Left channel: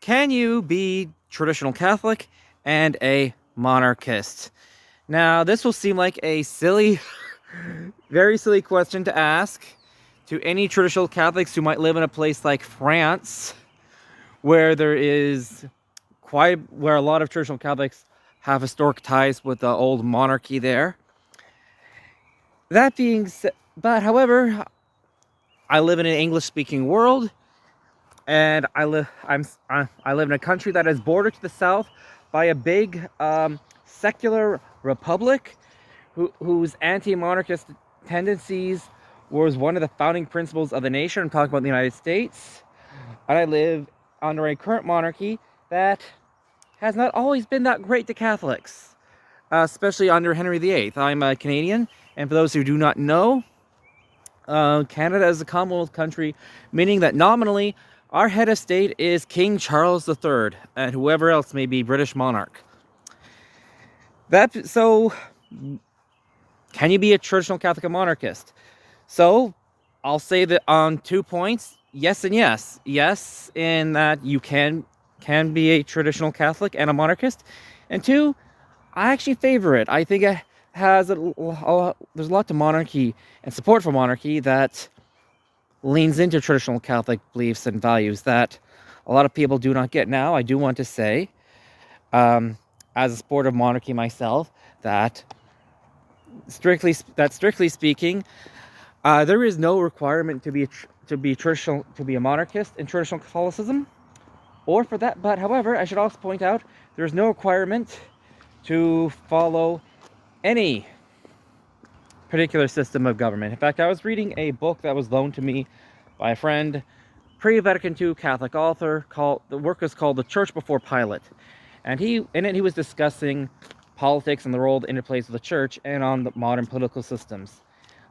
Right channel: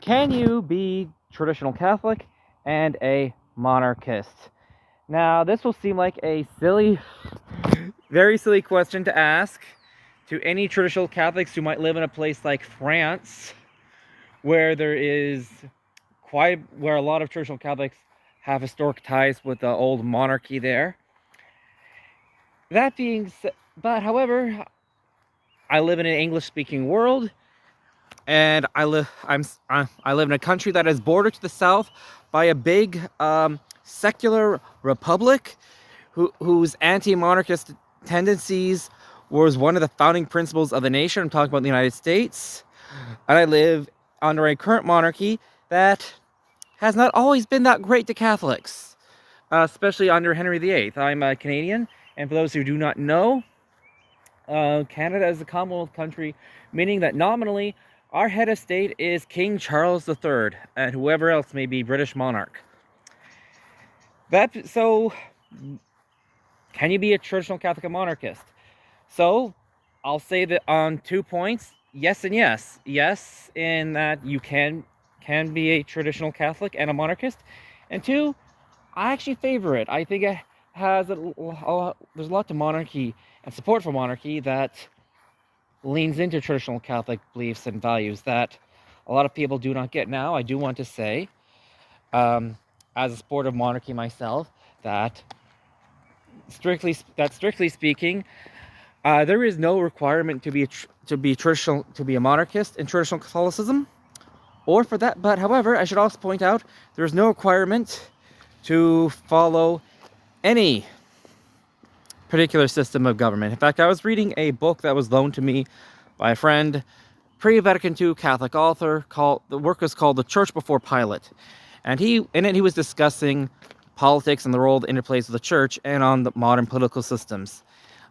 Can you be traditional Catholic and a monarchist? Now, this will seem like a silly, very silly question to ask to any traditional Catholics who might live in a place like France, where there is where a lot of traditional Catholics have historic ties with the old monarchy there. That being said, but however, I live in an English-speaking world, and I live in a country that is bordered to the south by a big secular republic whose anti-monarchist tendencies was one of the founding principles of the nation. I'm talking about the United States, and I live under a current monarchy that has not always been that great to Catholics, especially under Henry VIII. I'm a Canadian, and for those who do not know, Canada is a Commonwealth country, meaning that nominally our head of state is King Charles III, and whoever else may be British monarch. So, can you be a traditional Catholic and monarchist? So, I'll say that on 2 points, yes and yes. Yes, in that you can be a traditional Catholic and a monarchist, and 2, I actually favor it. I think it has there's a lot to monarchy and support for monarchy that leans into traditional Catholic beliefs and values that a lot of people do not get. Now, I do want to say, as a supporter of monarchy myself, that strictly speaking, there is no requirement to be a monarchist in traditional Catholicism, or for that. But however, I should also point out there is no requirement to follow any particular system of government. In fact, I was reading a book that was loaned to me by a friend, pre-Vatican II Catholic author. The work was called "The Church Before Pilate," and in it he was discussing politics and the role that interplays with the church and on the modern political systems,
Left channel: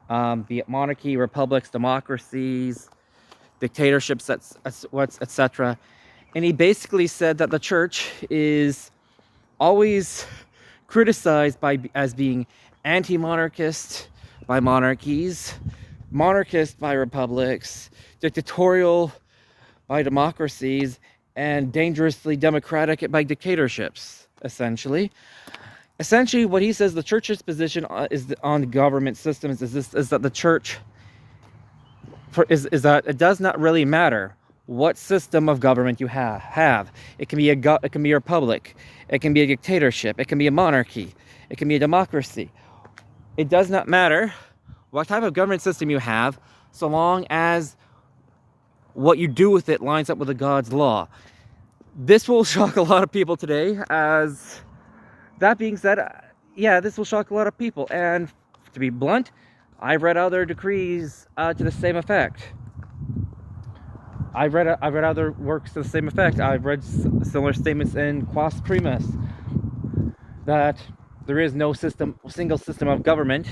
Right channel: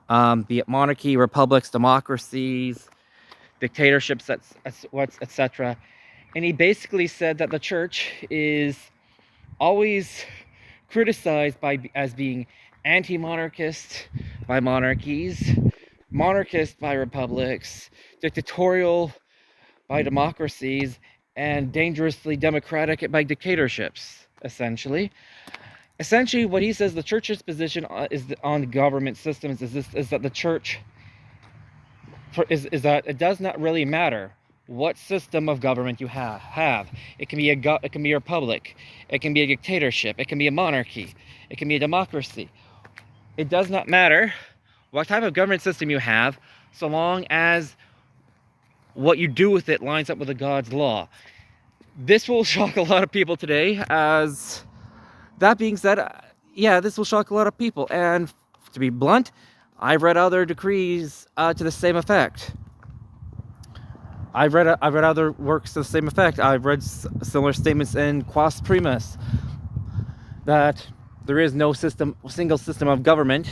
be it monarchy, republics, democracies, dictatorships, etc. And he basically said that the church is always criticized as being anti-monarchist by monarchies, monarchist by republics, dictatorial by democracies, and dangerously democratic by dictatorships. Essentially, what he says the church's position is on the government systems is that the church is that it does not really matter what system of government you have. It can be a republic, it can be a dictatorship, it can be a monarchy, it can be a democracy. It does not matter what type of government system you have, so long as what you do with it lines up with the God's law. This will shock a lot of people today. As that being said, yeah, this will shock a lot of people. And to be blunt, I've read other decrees to the same effect. I've read other works to the same effect. I've read similar statements in Quas Primas that there is no single system of government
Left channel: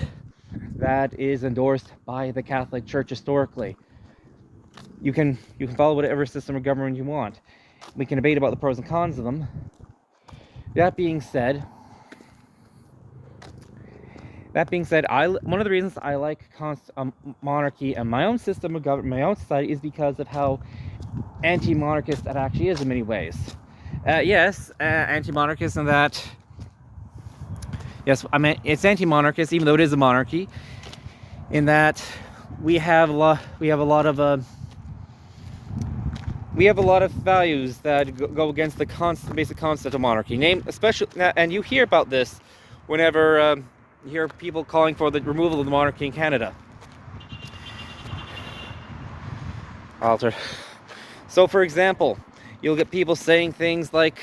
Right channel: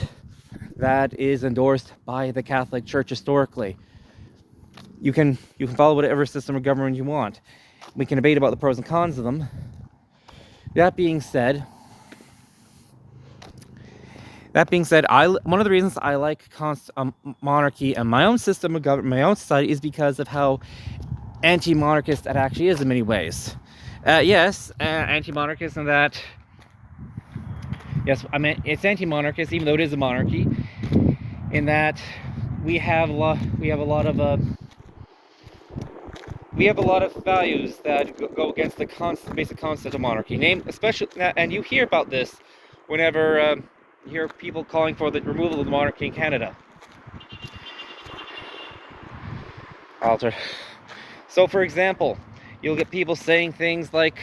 that is endorsed by the Catholic Church historically. You can follow whatever system of government you want. We can debate about the pros and cons of them. That being said, one of the reasons I like monarchy and my own system of government, my own society, is because of how anti-monarchist it actually is in many ways. Yes, anti-monarchist in that. Yes, I mean it's anti-monarchist, even though it is a monarchy, in that we have a lot of values that go against the basic concept of monarchy. Especially, and you hear about this whenever you hear people calling for the removal of the monarchy in Canada. Alter. So, for example, you'll get people saying things like,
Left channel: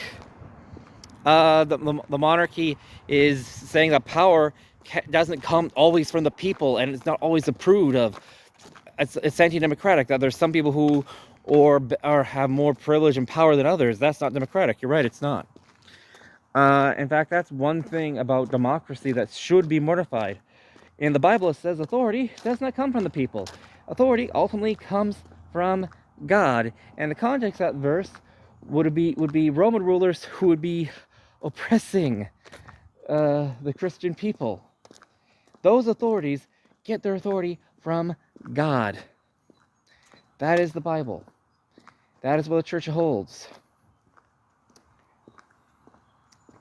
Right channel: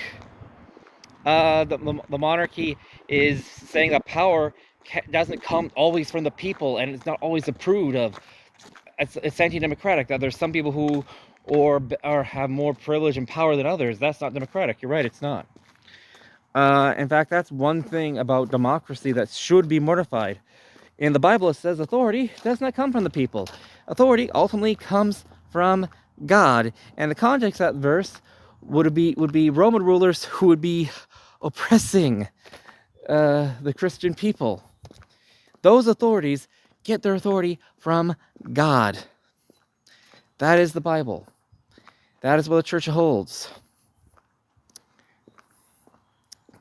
the monarchy is saying that power doesn't come always from the people, and it's not always approved of. It's anti-democratic. That there's some people who or have more privilege and power than others. That's not democratic. You're right, it's not. In fact, that's one thing about democracy that should be mortified. In the Bible, it says authority does not come from the people. Authority ultimately comes from God. And the context of that verse would be Roman rulers who would be oppressing the Christian people. Those authorities get their authority from God. That is the Bible. That is what the church holds.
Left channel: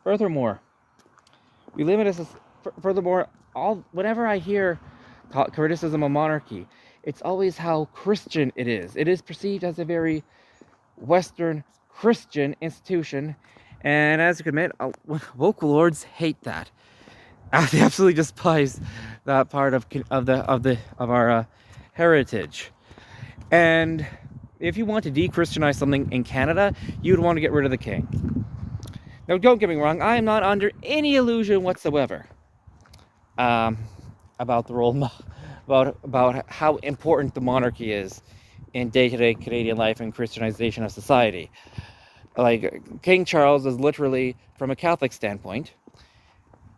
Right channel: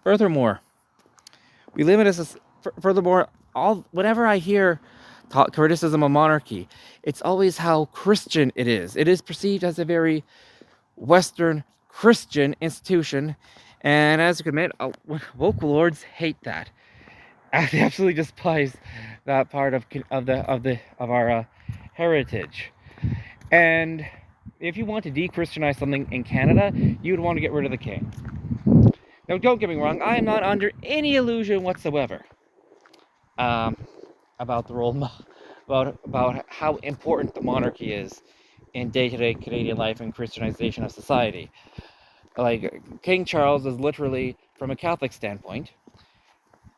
Furthermore, we live in a furthermore, whenever I hear criticism of monarchy, it's always how Christian it is. It is perceived as a very Western Christian institution, and as you can admit, woke lords hate that. They absolutely despise that part of our heritage. And if you want to de-Christianize something in Canada, you'd want to get rid of the king. Now, don't get me wrong, I am not under any illusion whatsoever about the role, about how important the monarchy is in day-to-day Canadian life and Christianization of society. Like, King Charles is literally, from a Catholic standpoint,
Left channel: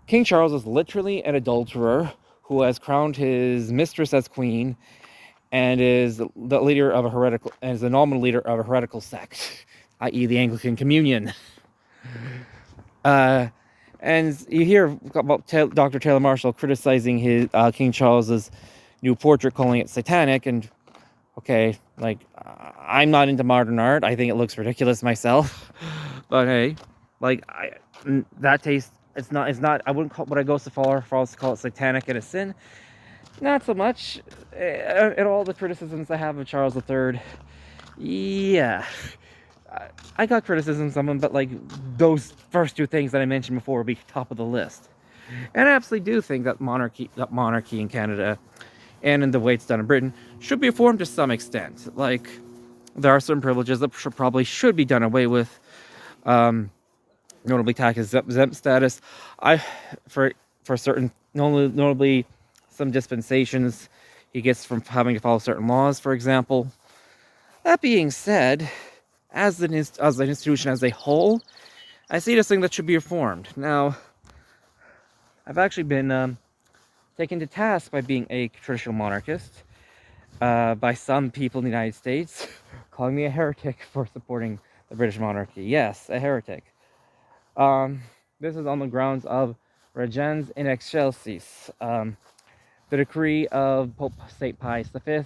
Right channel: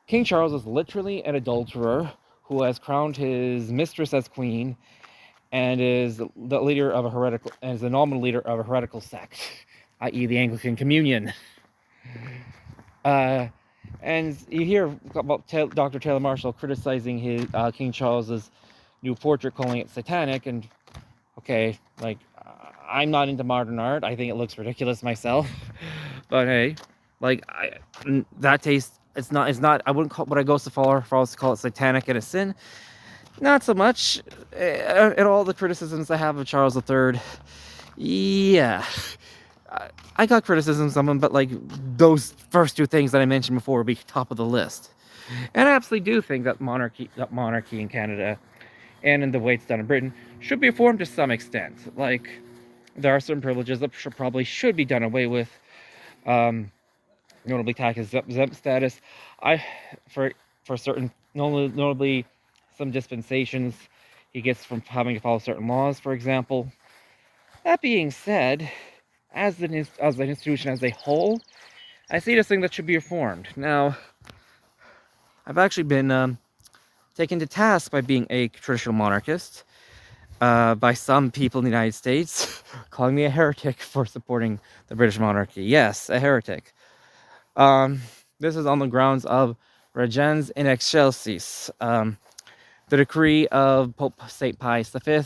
King Charles is literally an adulterer who has crowned his mistress as queen and is the leader of a heretical, and is the nominal leader of a heretical sect, i.e. the Anglican Communion. And you hear about Dr. Taylor Marshall criticizing his King Charles's new portrait, calling it satanic, and okay, like, I'm not into modern art. I think it looks ridiculous myself. But hey, like, that taste, it's not, I wouldn't call, would I go so far as to call it satanic and a sin? Not so much. And all the criticisms I have of Charles III, yeah, I got criticisms of him, but like, those first two things that I mentioned before would be top of the list. And I absolutely do think that monarchy in Canada, and in the way it's done in Britain, should be reformed to some extent. Like, there are certain privileges that probably should be done away with, notably tax exempt status. For certain, notably some dispensations he gets from having to follow certain laws, for example. That being said, as an institution as a whole, I see this thing that should be reformed. Now, I've actually been taken to task by being a traditional monarchist by some people in the United States, calling me a heretic for supporting the British monarchy. Yes, a heretic. This is on the grounds of regens in excelsis, the decree of Pope St. Pius V,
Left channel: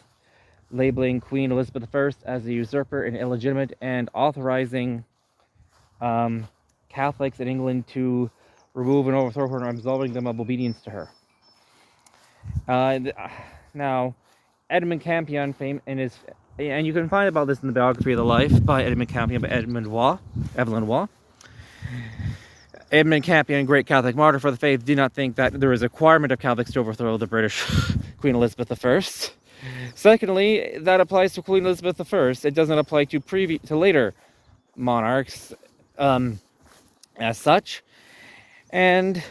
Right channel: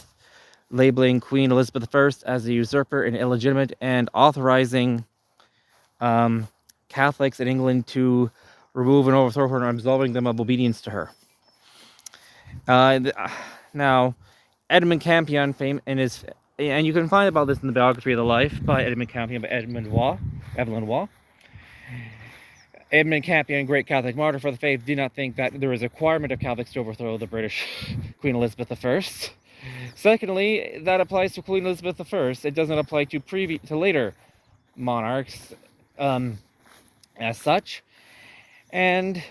labeling Queen Elizabeth I as a usurper and illegitimate, and authorizing Catholics in England to remove and overthrow her and absolving them of obedience to her. Now, Edmund Campion, and you can find about this in the biography of the life by Edmund Campion by Evelyn Waugh. Edmund Campion, great Catholic martyr for the faith, did not think that there was a requirement of Catholics to overthrow the British Queen Elizabeth I. Secondly, that applies to Queen Elizabeth I. It doesn't apply to later monarchs as such. And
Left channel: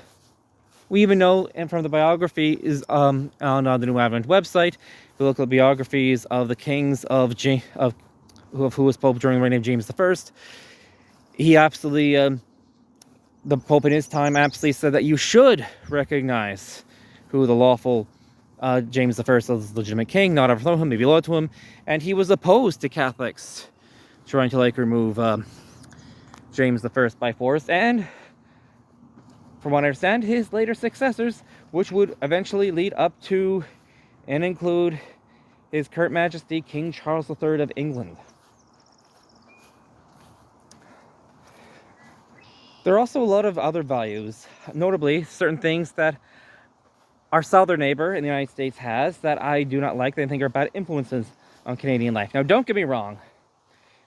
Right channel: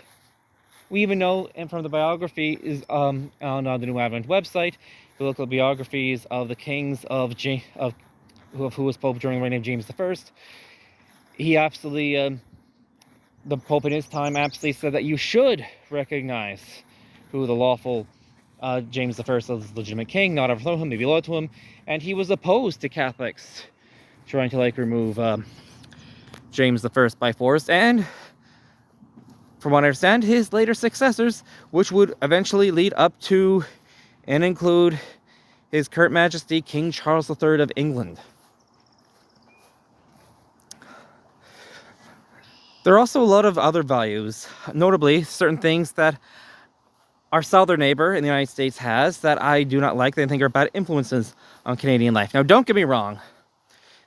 we even know, and from the biography is on the New Advent website, we look at biographies of the kings who was Pope during the reign of James I. He absolutely, the Pope in his time absolutely said that you should recognize who the lawful James I was, legitimate king, not overthrow him, maybe loyal to him, and he was opposed to Catholics trying to remove James I by force, and from what I understand, his later successors, which would eventually lead up to and include His Current Majesty King Charles III of England. There are also a lot of other values, notably certain things that our southern neighbor in the United States has that I do not like, that I think are bad influences on Canadian life. Now, don't get me wrong.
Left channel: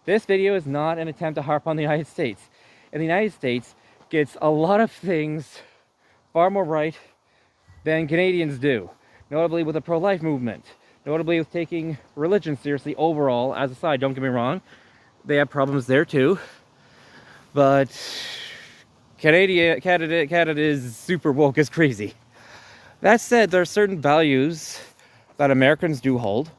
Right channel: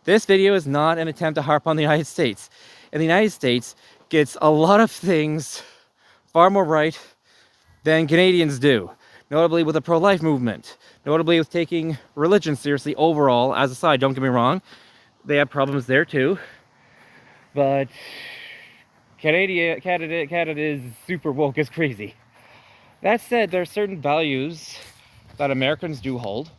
This video is not an attempt to harp on the United States. And the United States gets a lot of things far more right than Canadians do. Notably with the pro-life movement. Notably with taking religion seriously overall as a side. Don't get me wrong. They have problems there too. But Canada is super woke as crazy. That said, there are certain values that Americans do hold.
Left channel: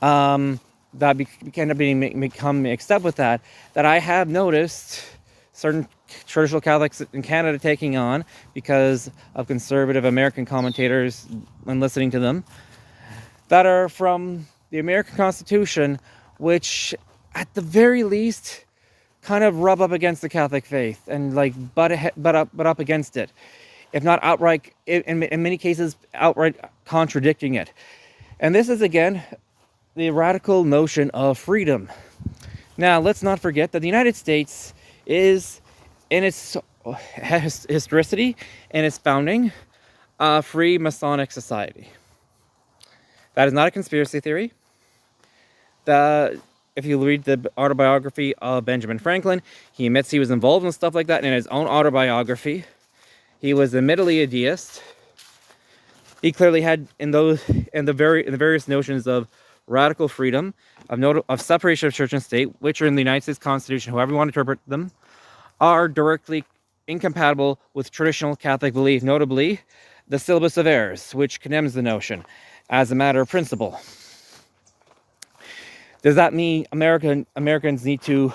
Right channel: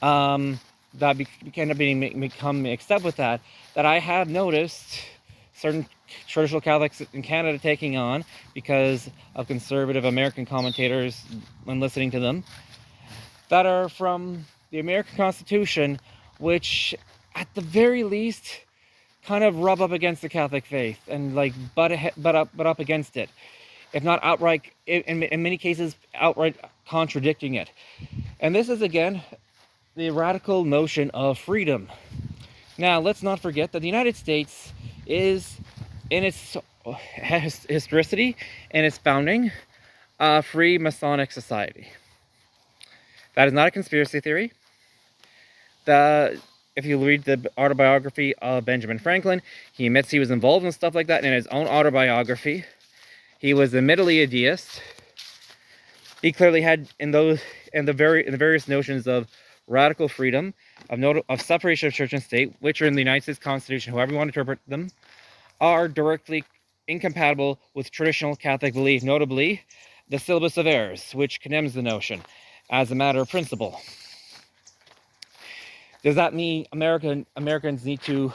That can become mixed up with that I have noticed certain traditional Catholics in Canada taking on because of conservative American commentators and listening to them, that are from the American Constitution, which at the very least kind of rub up against the Catholic faith and butt up against it, if not outright, in many cases outright contradicting it. And this is again the radical notion of freedom. Now, let's not forget that the United States is, in its historicity and its founding, a free Masonic society. That is not a conspiracy theory. If you read the autobiography of Benjamin Franklin, he admits he was involved in stuff like that in his own autobiography. He was admittedly a deist. He clearly had the various notions of radical freedom, of separation of church and state, which are in the United States Constitution, however you want to interpret them, are directly incompatible with traditional Catholic belief, notably the Syllabus of Errors, which condemns the notion as a matter of principle. Does that mean Americans need to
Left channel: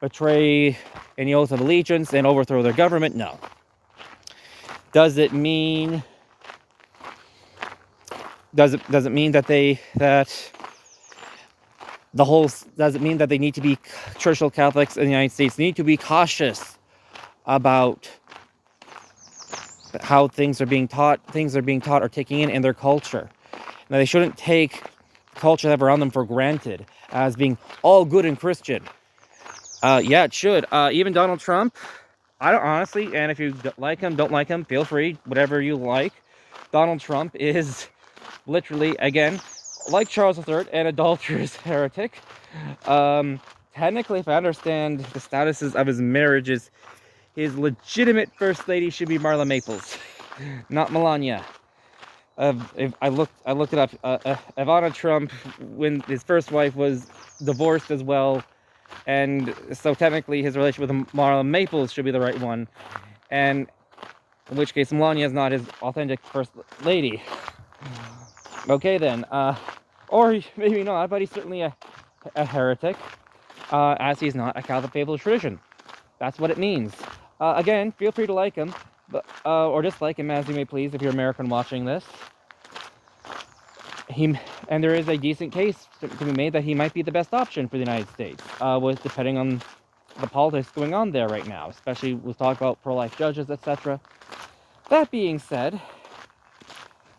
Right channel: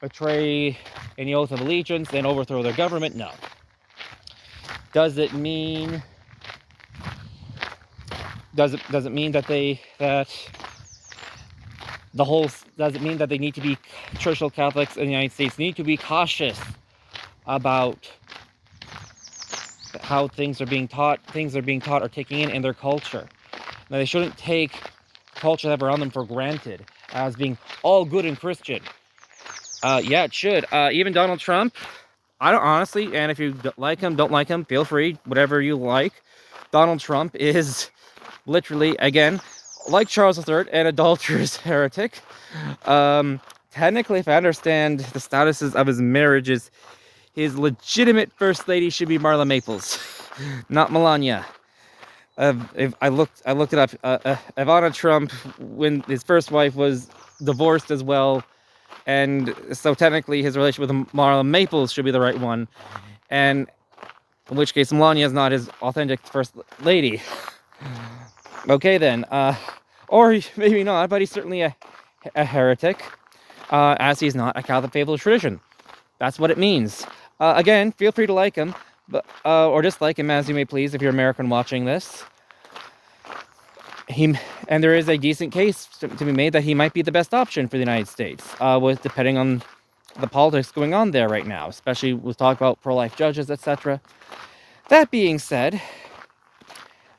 betray any oath of allegiance and overthrow their government? No. Does it mean that they need to be traditional Catholics in the United States need to be cautious about how things are being taught or taking in their culture? Now, they shouldn't take culture they have around them for granted as being all good and Christian. Yeah, it should. Even Donald Trump, I don't honestly, and if you like him, don't like him, feel free, whatever you like. Donald Trump is literally, again, like Charles III, an adulterous heretic. Technically, if I understand the statuses of his marriages, his legitimate first lady should be Marla Maples, not Melania. If I looked it up. Ivana Trump, when his first wife, was divorced as well, and so technically his relationship with Marla Maples should be the right one, and in which case Melania is not his authentic first lady. Okay then, or maybe not, but he's certainly a heretic, as he's not a Catholic faithful tradition. That's what it means. Again, feel free to like him, but or dislike him as you may please if you're American watching this. And there is a decent case to be made that he might be the best option for the United States, depending on the politics going on there right now, especially with talk about pro-life judges, etc. That being said,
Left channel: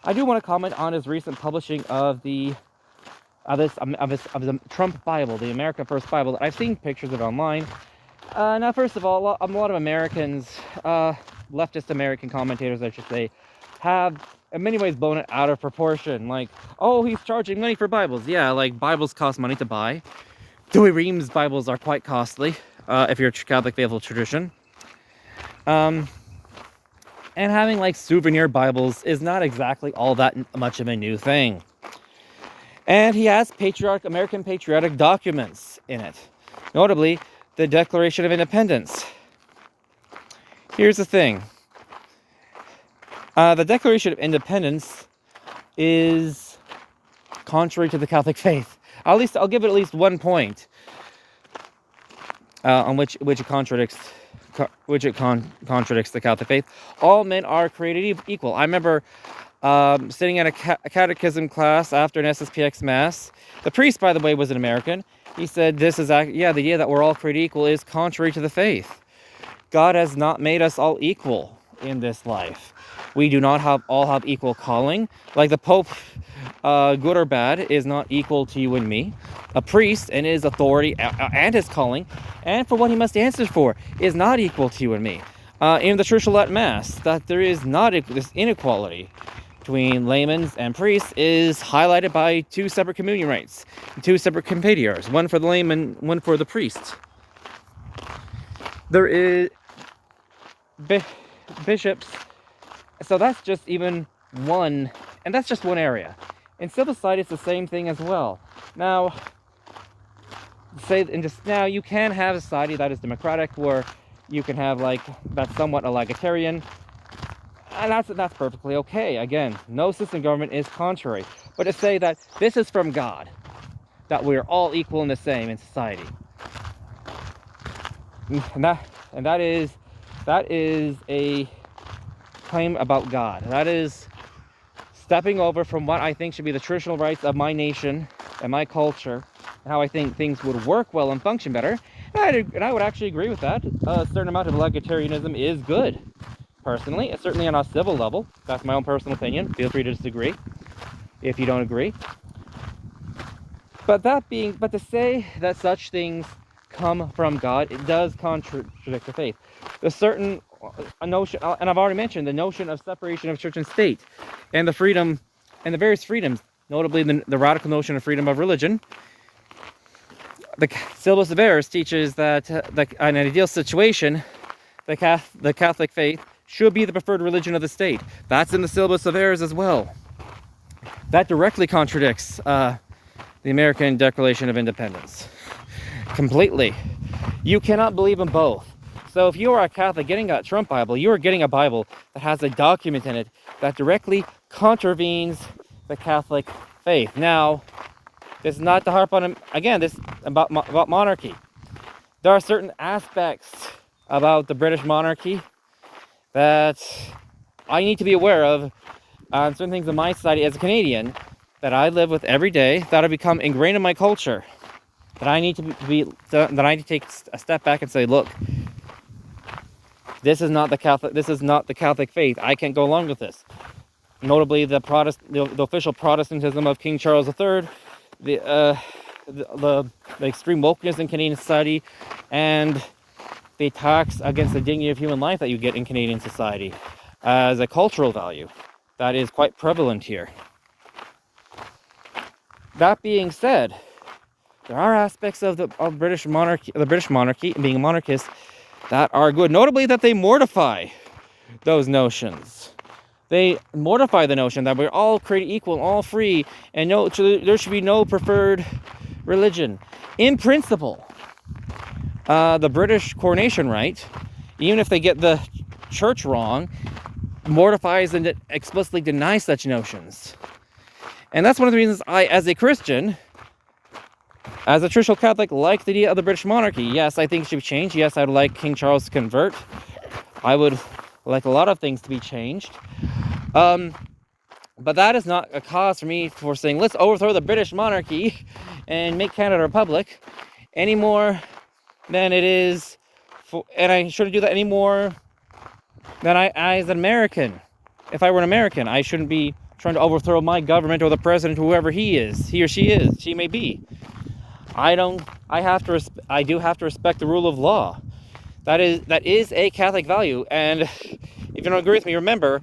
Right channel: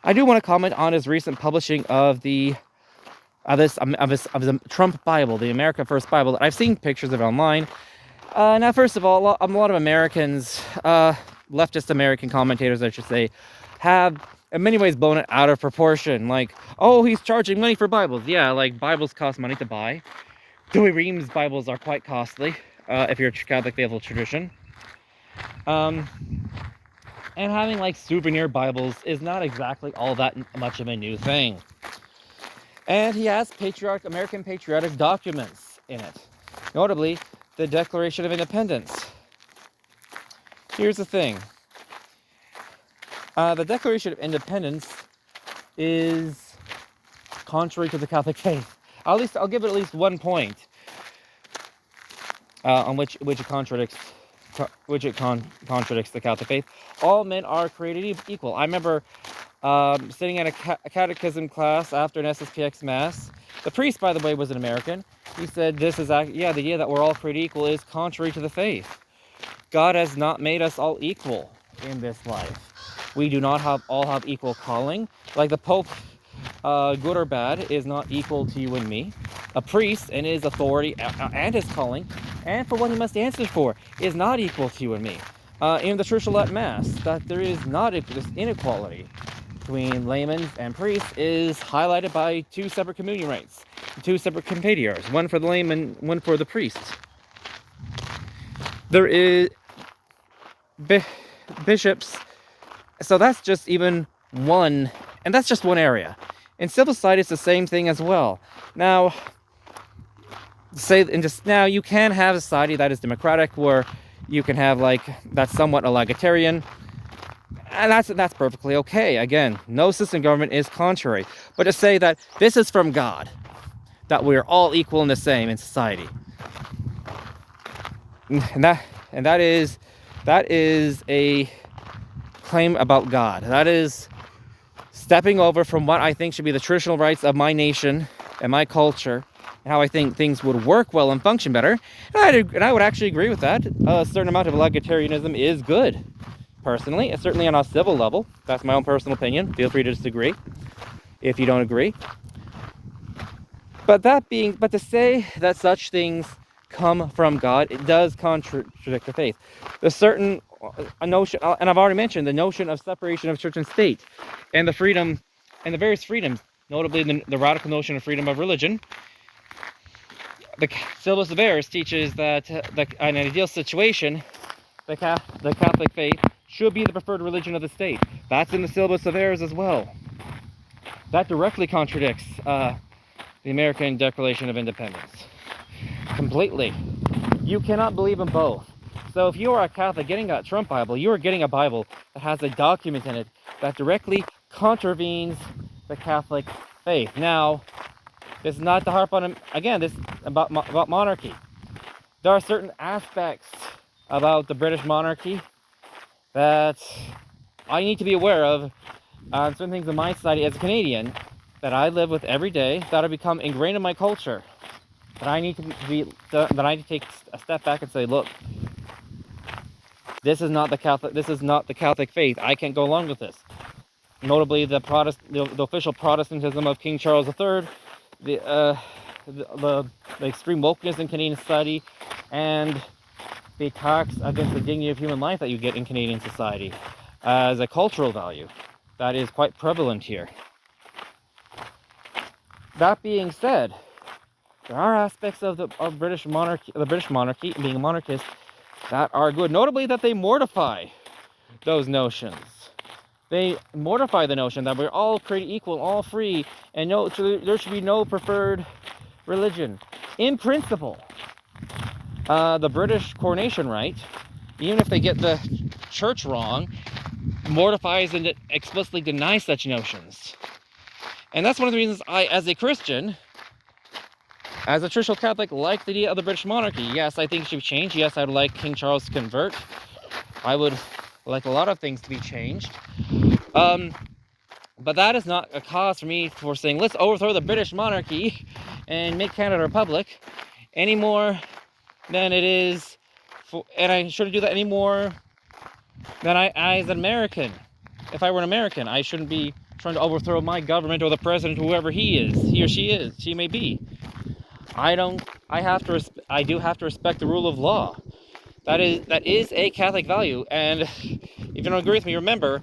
I do want to comment on his recent publishing of the Trump Bible, the America First Bible. That I've seen pictures of it online. Now, first of all, a lot of Americans, leftist American commentators, I should say, have in many ways blown it out of proportion. Like, oh, he's charging money for Bibles. Yeah, like Bibles cost money to buy. Dewey Ream's Bibles are quite costly, if you're a Catholic faithful tradition. And having like souvenir Bibles is not exactly all that much of a new thing. And he has American patriotic documents in it, notably the Declaration of Independence. Here's the thing. The Declaration of Independence is contrary to the Catholic faith. I'll give it at least 1 point on which it contradicts the Catholic faith. All men are created equal. I remember sitting in a catechism class after an SSPX mass. The priest, by the way, was an American. He said, the idea that we're all created equal is contrary to the faith. God has not made us all equal in this life. We do not all have equal calling. Like the Pope, good or bad, is not equal to you and me. A priest and his authority and his calling, and for what he must answer for, is not equal to you and me. In the Traditional at Mass, that there is not this inequality between laymen and priests is highlighted by 2 separate communion rites, 2 separate confiteors, one for the layman, one for the priest. There is bishops. So that's just even one, and that's just one area. In civil society, it's the same thing as well. Now, you can have a society that is democratic, where you can have that's somewhat egalitarian, and that's perfectly okay. Again, no system government is contrary, but to say that this is from God, that we're all equal and the same in society, and that is a claim about God. That is stepping over from what I think should be the traditional rights of my nation and my culture, and how I think things would work well and function better. And I would actually agree with that. A certain amount of egalitarianism is good, personally. It's certainly on a civil level. That's my own personal opinion. Feel free to disagree if you don't agree. But to say that such things come from God, it does contradict the faith. There's certain a notion, and I've already mentioned the notion of separation of church and state, and the freedom, and the various freedoms, notably the radical notion of freedom of religion. The Syllabus of Errors teaches that in an ideal situation, the Catholic faith should be the preferred religion of the state. That's in the Syllabus of Errors as well. That directly contradicts the American Declaration of Independence. Completely. You cannot believe in both. So if you are a Catholic getting a Trump Bible, you are getting a Bible that has a document in it that directly contravenes the Catholic faith. Now, this is not to harp on, again, this about monarchy. There are certain aspects about the British monarchy that I need to be aware of on certain things in my society as a Canadian that I live with every day, that have become ingrained in my culture, that I need to take a step back and say, look, this is not the Catholic faith. I can't go along with this. Notably, the official Protestantism of King Charles III, the extreme wokeness in Canadian society, and the attacks against the dignity of human life that you get in Canadian society as a cultural value that is quite prevalent here. That being said, there are aspects of the British monarchy, being a monarchist, that are good. Notably, that they mortify those notions. They mortify the notion that we're all created equal, all free, and there should be no preferred religion. In principle, the British coronation rite, even if they get the church wrong, mortifies and explicitly denies such notions. And that's one of the reasons I, as a Christian, as a traditional Catholic, like the idea of the British monarchy. Yes, I think it should be changed. Yes, I would like King Charles to convert. I would like a lot of things to be changed. But that is not a cause for me for saying, let's overthrow the British monarchy and make Canada a republic any more than it is, and I shouldn't do that any more than I as an American. If I were an American, I shouldn't be trying to overthrow my government or the president, whoever he or she may be. I do have to respect the rule of law. That is a Catholic value, and if you don't agree with me, remember,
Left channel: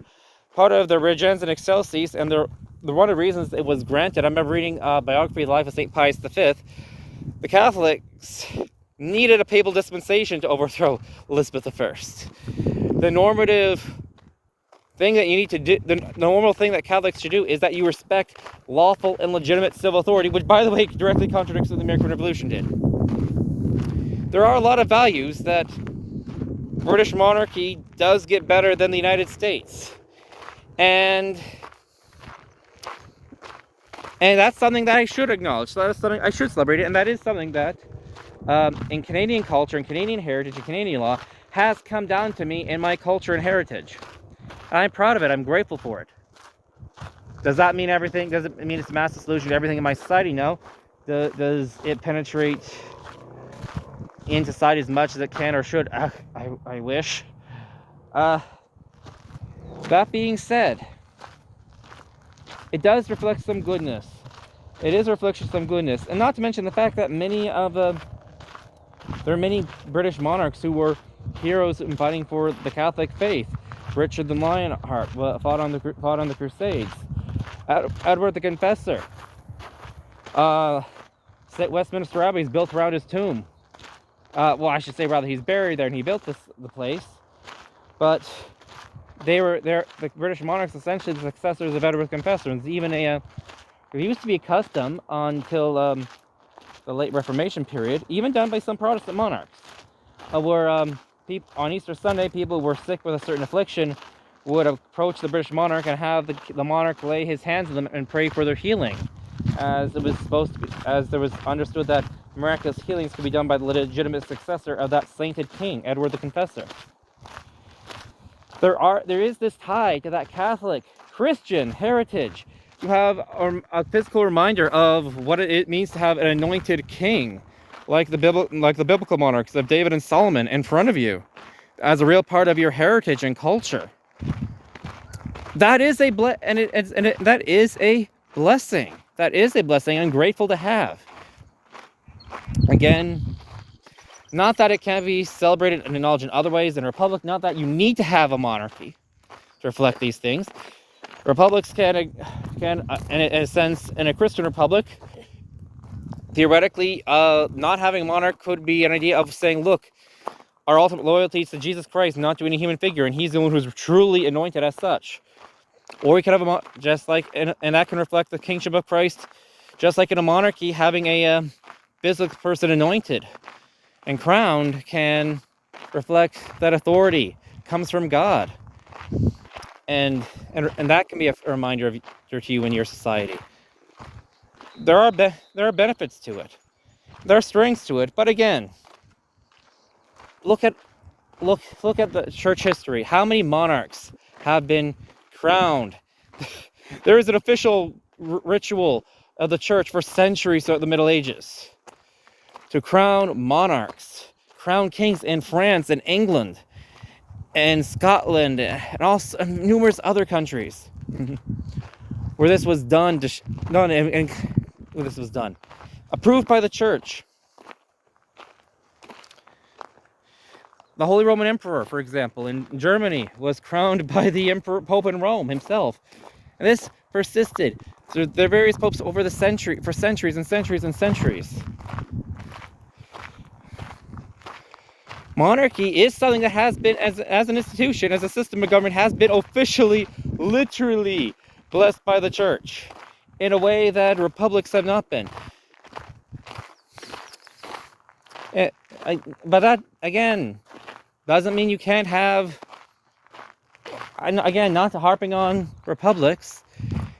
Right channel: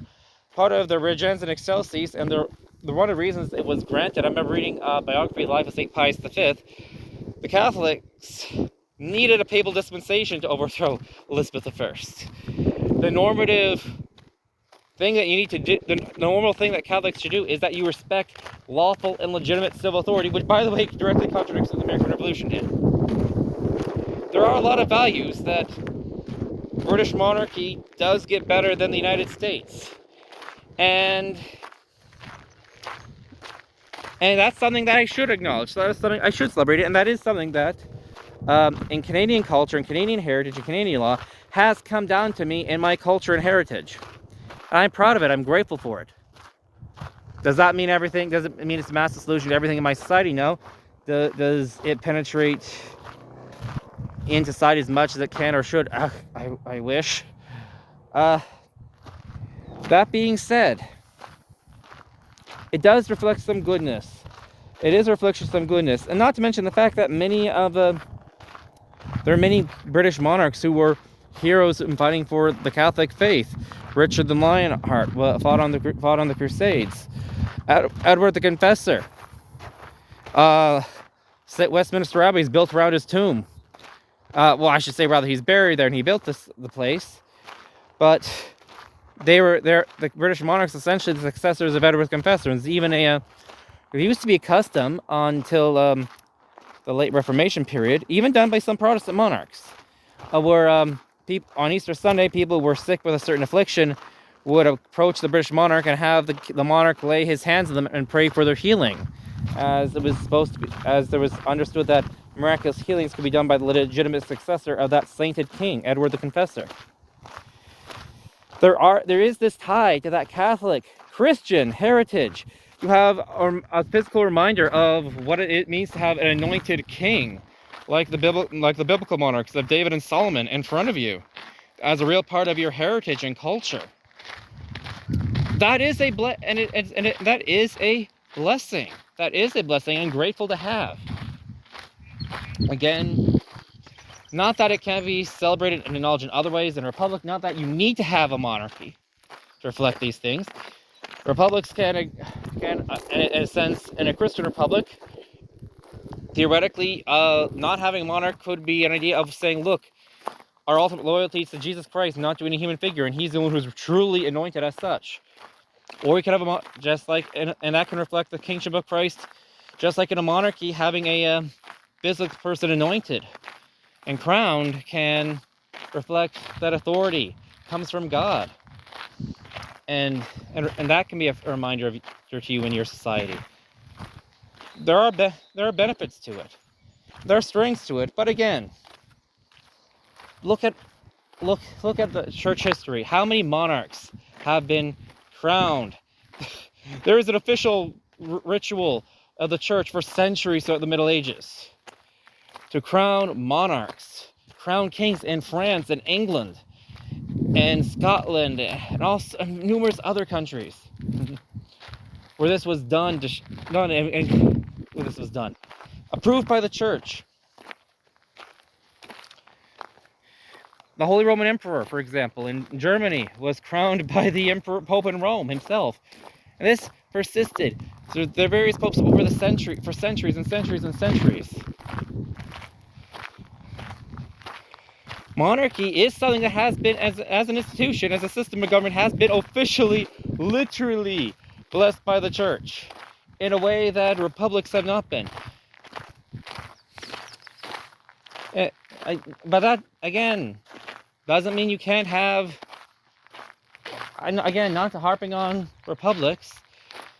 part of the Regens and Excelsis, and the one of the reasons it was granted, I remember reading a biography of the life of St. Pius V, the Catholics needed a papal dispensation to overthrow Elizabeth I. The normative thing that you need to do, the normal thing that Catholics should do, is that you respect lawful and legitimate civil authority, which, by the way, directly contradicts what the American Revolution did. There are a lot of values that British monarchy does get better than the United States. And that's something that I should acknowledge. So that's something I should celebrate it, and that is something that in Canadian culture, and Canadian heritage, and Canadian law has come down to me in my culture and heritage. And I'm proud of it. I'm grateful for it. Does that mean everything? Does it mean it's a massive solution to everything in my society? No. Does it penetrate in society as much as it can or should? I wish. That being said, it does reflect some goodness. It is a reflection of some goodness. And not to mention the fact that there are many British monarchs who were heroes in fighting for the Catholic faith. Richard the Lionheart fought on the Crusades. Edward the Confessor. Westminster Abbey is built around his tomb. Well, I should say rather he's buried there, and he built the place. But the British monarchs, essentially the successors of Edward the Confessor. And it used to be a custom until the late Reformation period, even done by some Protestant monarchs, where on Easter Sunday, people who were sick with a certain affliction would approach the British monarch and have the monarch lay his hands on them and pray for their healing, as it was supposed to be, as there was understood that miraculous healings could be done by the legitimate successor of that sainted king, Edward the Confessor. There is this tie to that Catholic Christian heritage. You have a physical reminder of what it means to have an anointed king, like the biblical monarchs of David and Solomon, in front of you, as a real part of your heritage and culture. That is a blessing. That is a blessing. I'm grateful to have. Again, Not that it can be celebrated and acknowledged in other ways in a republic. Not that you need to have a monarchy to reflect these things. Republics can in a sense, in a Christian republic, theoretically, not having a monarch could be an idea of saying, look, our ultimate loyalty is to Jesus Christ, not to any human figure, and he's the one who's truly anointed as such. Or we could have just like, and that can reflect the kingship of Christ, just like in a monarchy, having a physical person anointed and crowned can reflect that authority comes from God, and that can be a reminder to you in your society. There are benefits to it, there are strengths to it, but again, look at the church history. How many monarchs have been crowned? There is an official ritual of the church for centuries throughout the Middle Ages to crown monarchs, crown kings in France and England and Scotland and also numerous other countries where this was done. Where this was done, approved by the church. The Holy Roman Emperor, for example, in Germany, was crowned by the Pope in Rome himself. And this persisted through the various popes over the for centuries and centuries and centuries. Monarchy is something that has been, as an institution, as a system of government, has been officially, literally blessed by the church in a way that republics have not been. But that, again, doesn't mean you can't have, again, not harping on republics,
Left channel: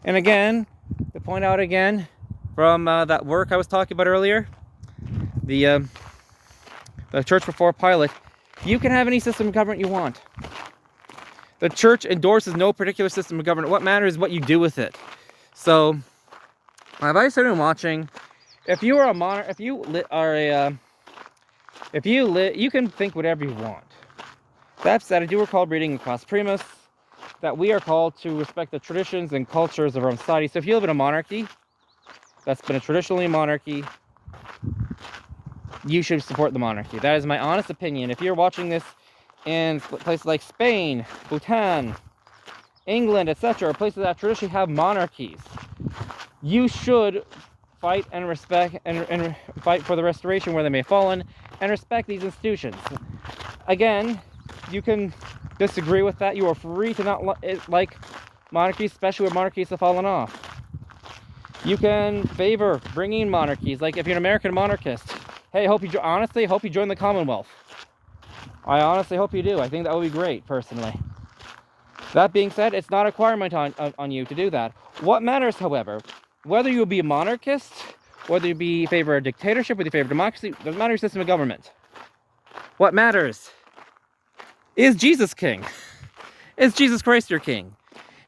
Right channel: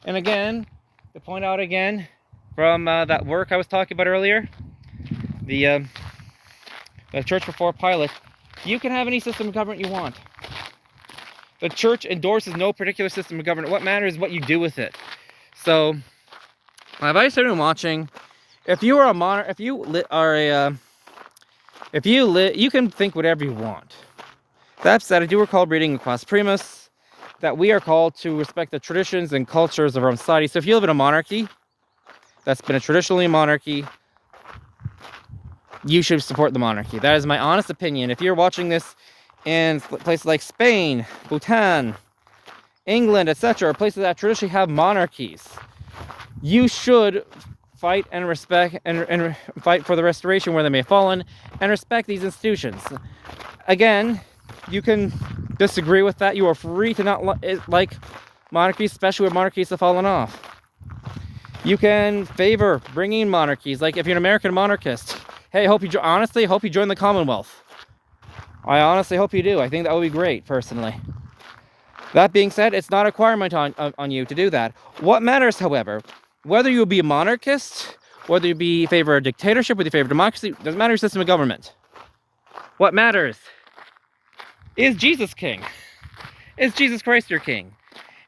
and again, to point out again, from that work I was talking about earlier, the Church Before Pilate, you can have any system of government you want. The church endorses no particular system of government. What matters is what you do with it. So, my advice to anyone watching, if you are a monarch, you can think whatever you want. That said, I do recall reading in Quas Primus that we are called to respect the traditions and cultures of our society. So if you live in a monarchy that's been a traditionally monarchy, you should support the monarchy. That is my honest opinion. If you're watching this in places like Spain, Bhutan, England, etc., places that traditionally have monarchies, you should fight and respect and fight for the restoration where they may have fallen, and respect these institutions. Again, you can disagree with that. You are free to not like monarchies, especially where monarchies have fallen off. You can favor bringing monarchies, like if you're an American monarchist. Hey, honestly hope you join the Commonwealth. I honestly hope you do. I think that would be great, personally. That being said, it's not a requirement on you to do that. What matters, however, whether you be a monarchist, whether you be in favor of dictatorship, whether you favor democracy, doesn't matter your system of government. What matters is Jesus king. Is Jesus Christ your king?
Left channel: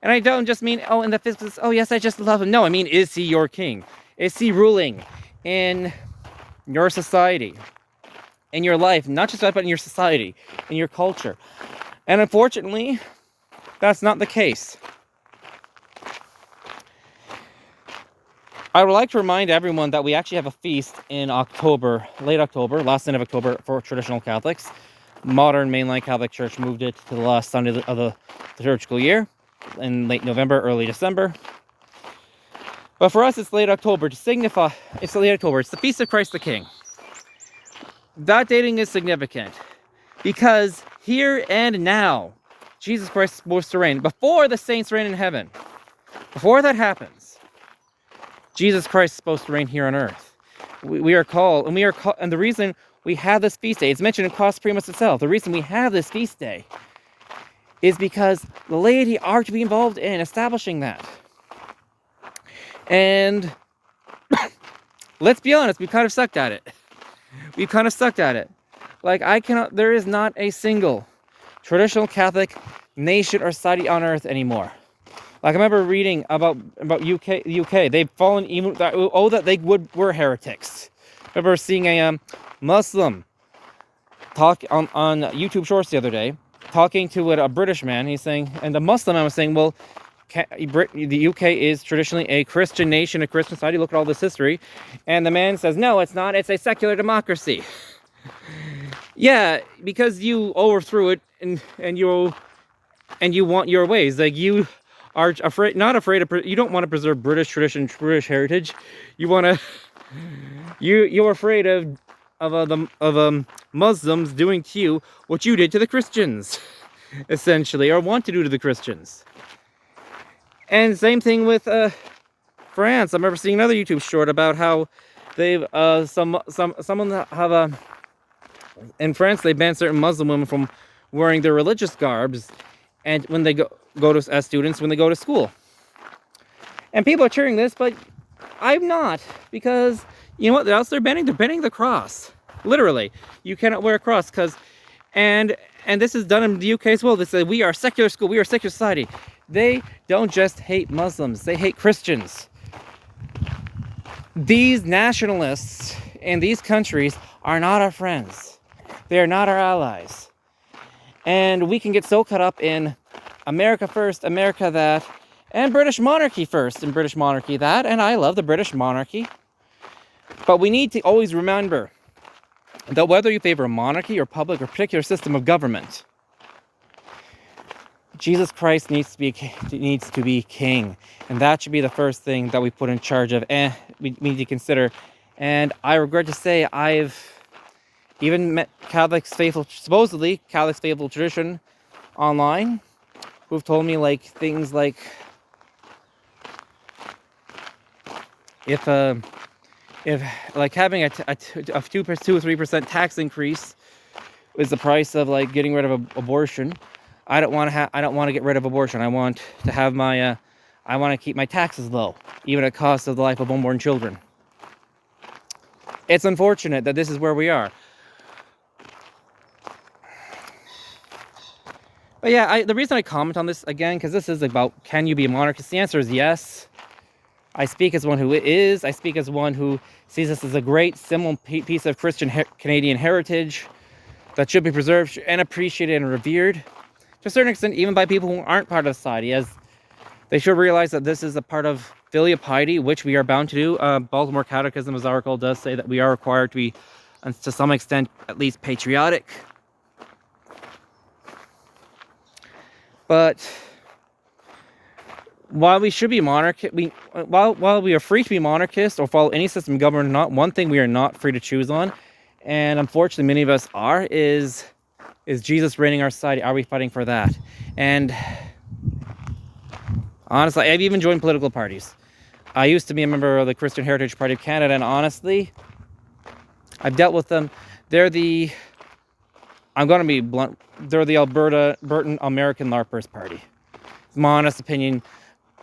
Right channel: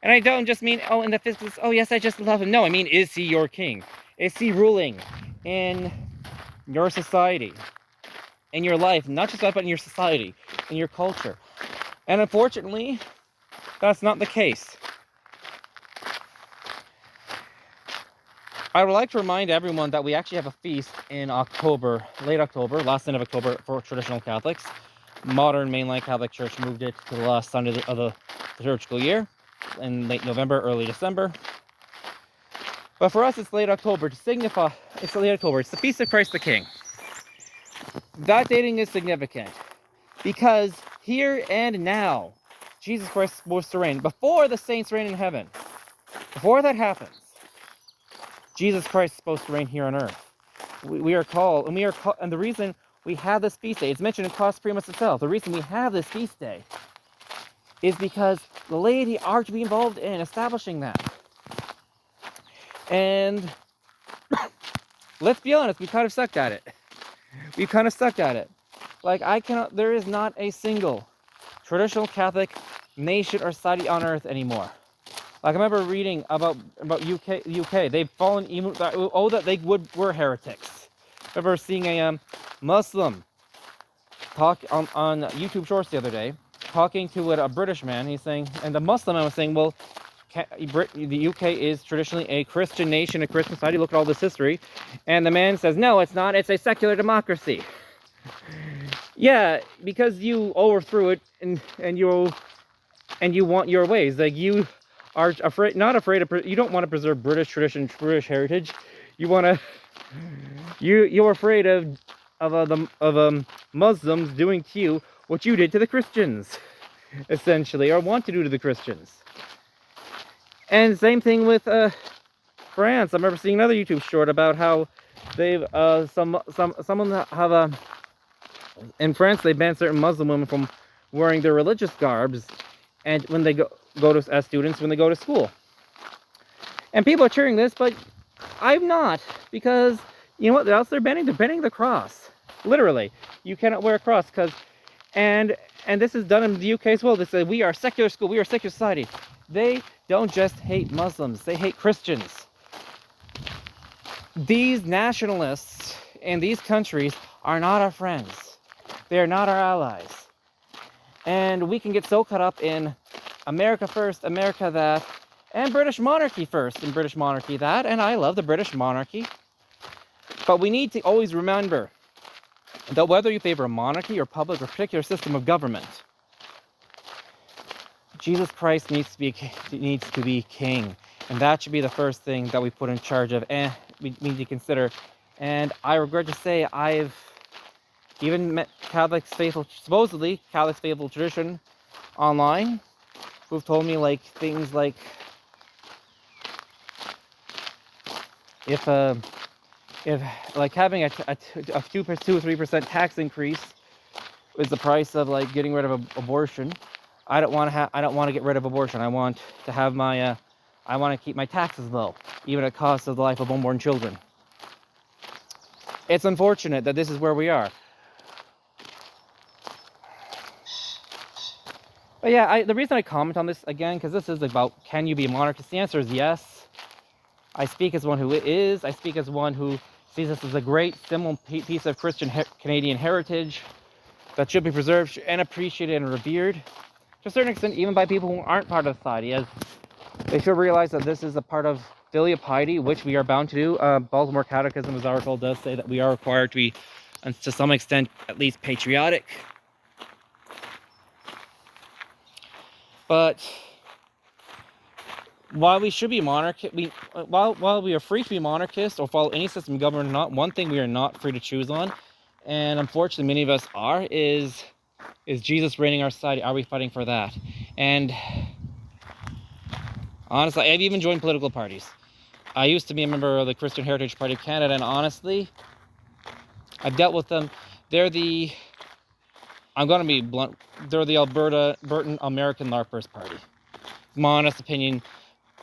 And I don't just mean, in the physics, yes, I just love him. No, I mean, is he your king? Is he ruling in your society, in your life, not just that, but in your society, in your culture? And unfortunately, that's not the case. I would like to remind everyone that we actually have a feast in October, late October, last Sunday of October for traditional Catholics. Modern mainline Catholic Church moved it to the last Sunday of the liturgical year in late November, early December. But for us, it's late October to signify, it's late October, it's the Feast of Christ the King. That dating is significant because here and now, Jesus Christ is supposed to reign. Before the saints reign in heaven, before that happens, Jesus Christ is supposed to reign here on earth. We are called, and the reason we have this feast day, it's mentioned in Quas Primus itself, the reason we have this feast day is because the laity are to be involved in establishing that. And let's be honest, we kind of sucked at it. Like, there is not a single traditional Catholic nation or society on earth anymore. Like, I remember reading about UK. They've fallen even that they were heretics. I remember seeing a Muslim talk on YouTube Shorts the other day, talking to a British man. He's saying, and the Muslim man was saying, well, the UK is traditionally a Christian nation, a Christian society. Look at all this history. And the man says, no, it's not. It's a secular democracy. Yeah, because you overthrew it, and you want your ways. Like, you are afraid, not afraid of, you don't want to preserve British tradition, British heritage. You want to, you're afraid of Muslims doing to you what you did to the Christians, essentially, or want to do to the Christians. And same thing with France. I remember seeing another YouTube short about how they've someone have in France they banned certain Muslim women from wearing their religious garbs, and when they go to as students when they go to school. And people are cheering this, but I'm not, because you know what else they're banning? They're banning the cross. Literally, you cannot wear a cross because, and this is done in the UK as well. They say we are a secular school, we are a secular society. They don't just hate Muslims; they hate Christians. These nationalists in these countries are not our friends. They are not our allies. And we can get so caught up in America first, America that, and British monarchy first, and British monarchy that, and I love the British monarchy. But we need to always remember that whether you favor a monarchy or public or particular system of government, Jesus Christ needs to be king. And that should be the first thing that we put in charge of, and we need to consider. And I regret to say, I've even met Catholics faithful, supposedly Catholics faithful tradition online, who've told me like things like, if like having a 2 or 3% tax increase is the price of like getting rid of abortion, I don't want to get rid of abortion. I want to have my I want to keep my taxes low, even at the cost of the life of unborn children. It's unfortunate that this is where we are. But yeah, the reason I comment on this again, because this is about, can you be a monarchist? The answer is yes. I speak as one who is. I speak as one who sees this as a great, simple piece of Christian Canadian heritage that should be preserved and appreciated and revered, to a certain extent, even by people who aren't part of society, as they should realize that this is a part of filial piety, which we are bound to do. Baltimore Catechism, as article does say, that we are required to be, to some extent, at least patriotic. But while we should be while we are free to be monarchist or follow any system of government or not, one thing we are not free to choose on, and unfortunately many of us are, is Jesus reigning our society. Are we fighting for that? And honestly, I've even joined political parties. I used to be a member of the Christian Heritage Party of Canada, and honestly, I've dealt with them. I'm going to be blunt, they're the Albertan American LARPers Party. It's my honest opinion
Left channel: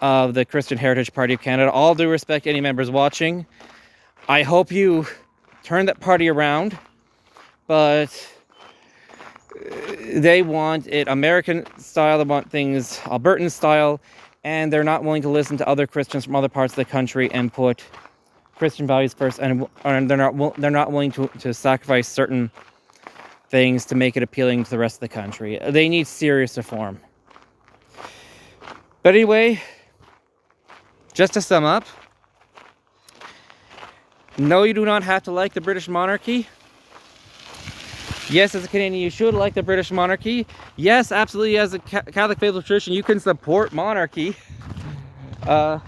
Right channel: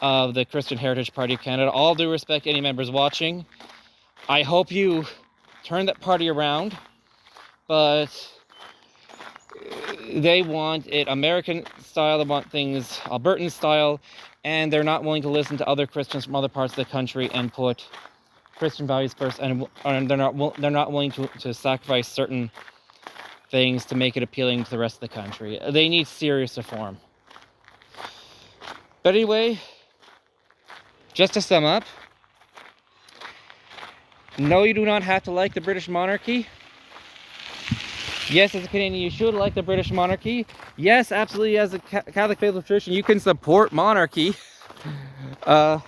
of the Christian Heritage Party of Canada. All due respect, any members watching, I hope you turn that party around, but they want it American style, they want things Albertan style, and they're not willing to listen to other Christians from other parts of the country and put Christian values first, and they're not willing to sacrifice certain things to make it appealing to the rest of the country. They need serious reform. But anyway, just to sum up, no, you do not have to like the British monarchy. Yes, as a Canadian, you should like the British monarchy. Yes, absolutely, as a Catholic faithful tradition, you can support monarchy. But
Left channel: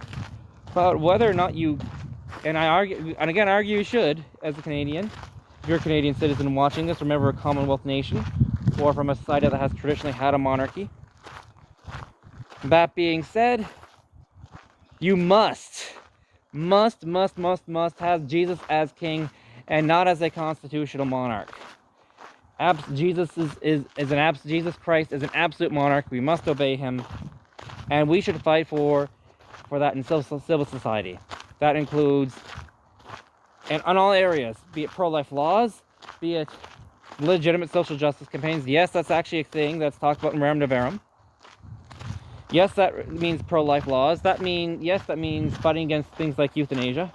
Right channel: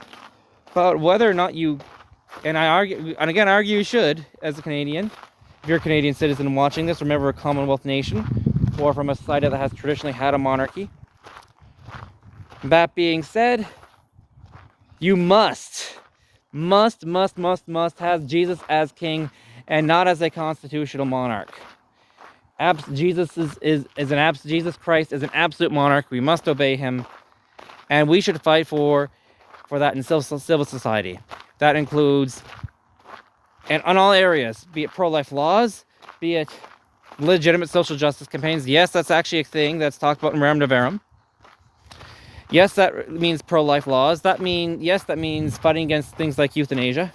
whether or not you, and I argue you should, as a Canadian, if you're a Canadian citizen watching this, remember a Commonwealth nation, or from a society that has traditionally had a monarchy. That being said, you must have Jesus as king and not as a constitutional monarch. Jesus Christ is an absolute monarch. We must obey him, and we should fight for that in civil society. That includes, and on all areas, be it pro-life laws, be it legitimate social justice campaigns. Yes, that's actually a thing that's talked about in Rerum Novarum. Yes, that means pro-life laws. That means fighting against things like euthanasia.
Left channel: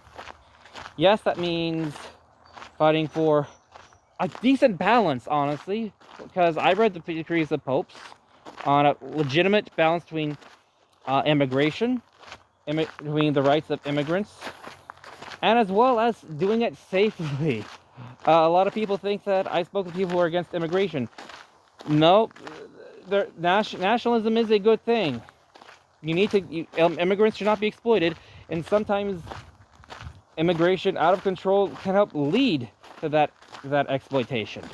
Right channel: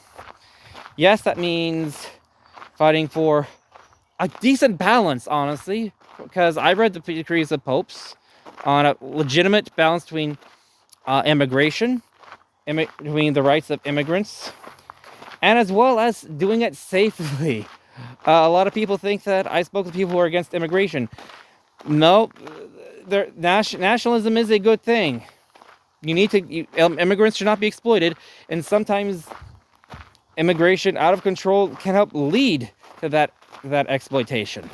Yes, that means fighting for a decent balance, honestly, because I read the decrees of popes on a legitimate balance between immigration, between the rights of immigrants, and as well as doing it safely. A lot of people think that I spoke to people who are against immigration. No, nationalism is a good thing. Immigrants should not be exploited, and sometimes immigration out of control can help lead to that exploitation.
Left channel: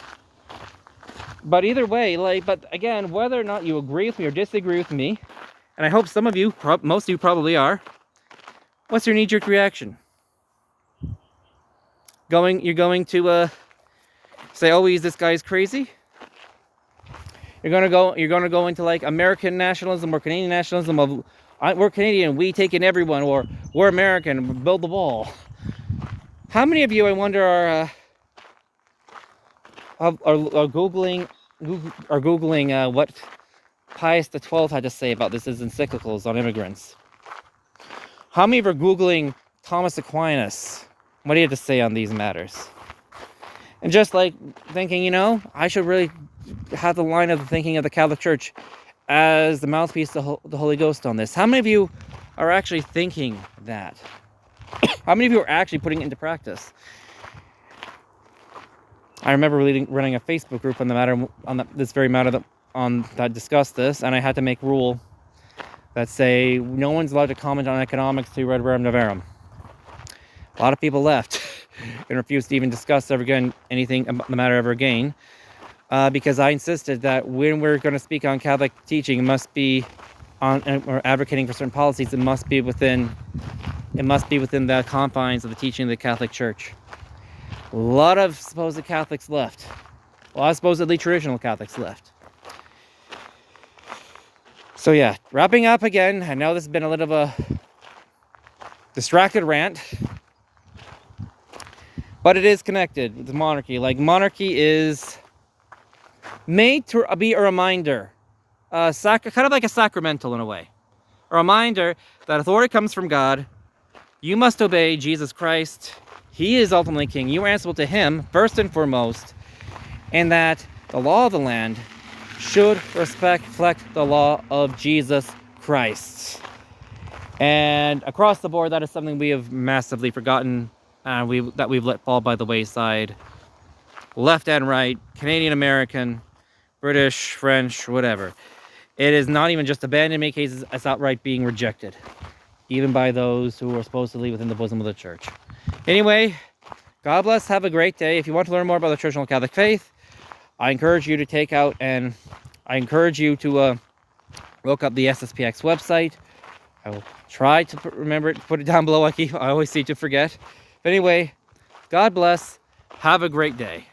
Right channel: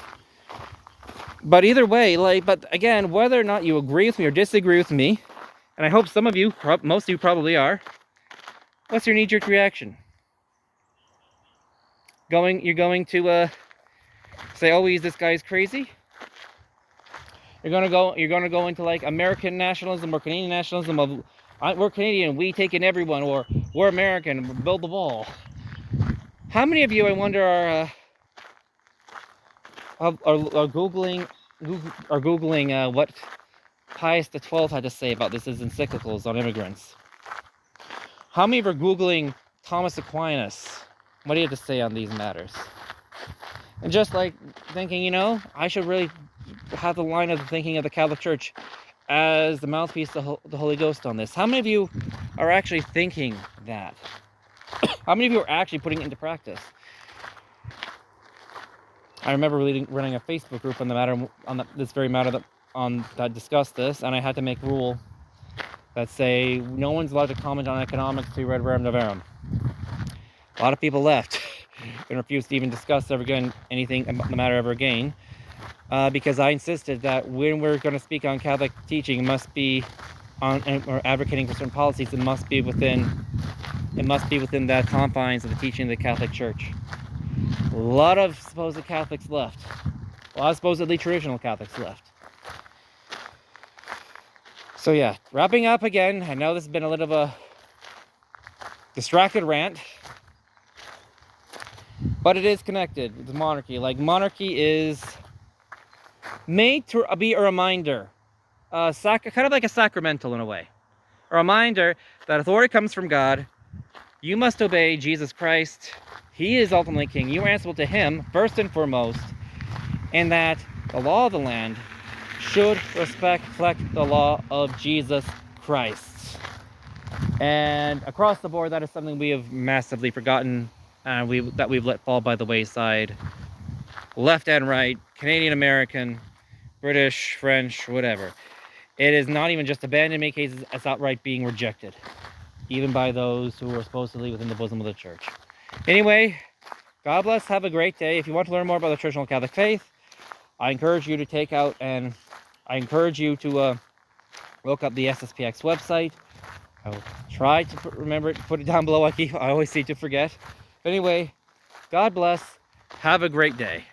But either way, but again, whether or not you agree with me or disagree with me, and I hope some of you, most of you probably are, what's your knee-jerk reaction? You're going to say, oh, this guy's crazy? You're gonna go into like American nationalism or Canadian nationalism of we're Canadian, we take in everyone, or we're American, build the wall. How many of you, I wonder, are googling what Pius XII had to say about this as encyclicals on immigrants? How many of you are googling Thomas Aquinas? What he had to say on these matters? And just like thinking, I should really have the line of the thinking of the Catholic Church as the mouthpiece of the Holy Ghost on this. How many of you are actually thinking that? How many of you are actually putting it into practice? I remember running a Facebook group on the matter, this very matter that discussed this, and I had to make a rule that say no one's allowed to comment on economics to Red Rerum Novarum. A lot of people left and refused to even discuss anything about the matter ever again, because I insisted that when we're going to speak on Catholic teaching, it must be or advocating for certain policies. It must be within the confines of the teaching of the Catholic Church. A lot of supposed Catholics left. A lot of supposedly traditional Catholics left. So yeah, wrapping up again. I know this has been a little of a distracted rant, but it is connected with monarchy. Like, monarchy is made to be a reminder, kind of like a sacramental in a way. A reminder that authority comes from God. You must obey Jesus Christ. He is ultimately king. You are answerable to him first and foremost. And that the law of the land should reflect the law of Jesus Christ. And across the board, that is something we have massively forgotten, that we've let fall by the wayside. Left and right, Canadian, American, British, French, whatever. It is not even just abandoned in many cases, it's outright being rejected, even by those who are supposedly within the bosom of the church. Anyway, God bless, have a great day. If you want to learn more about the traditional Catholic faith, I encourage you to look up the SSPX website. I will try to remember it, put it down below. I always seem to forget. But anyway, God bless, have a great day.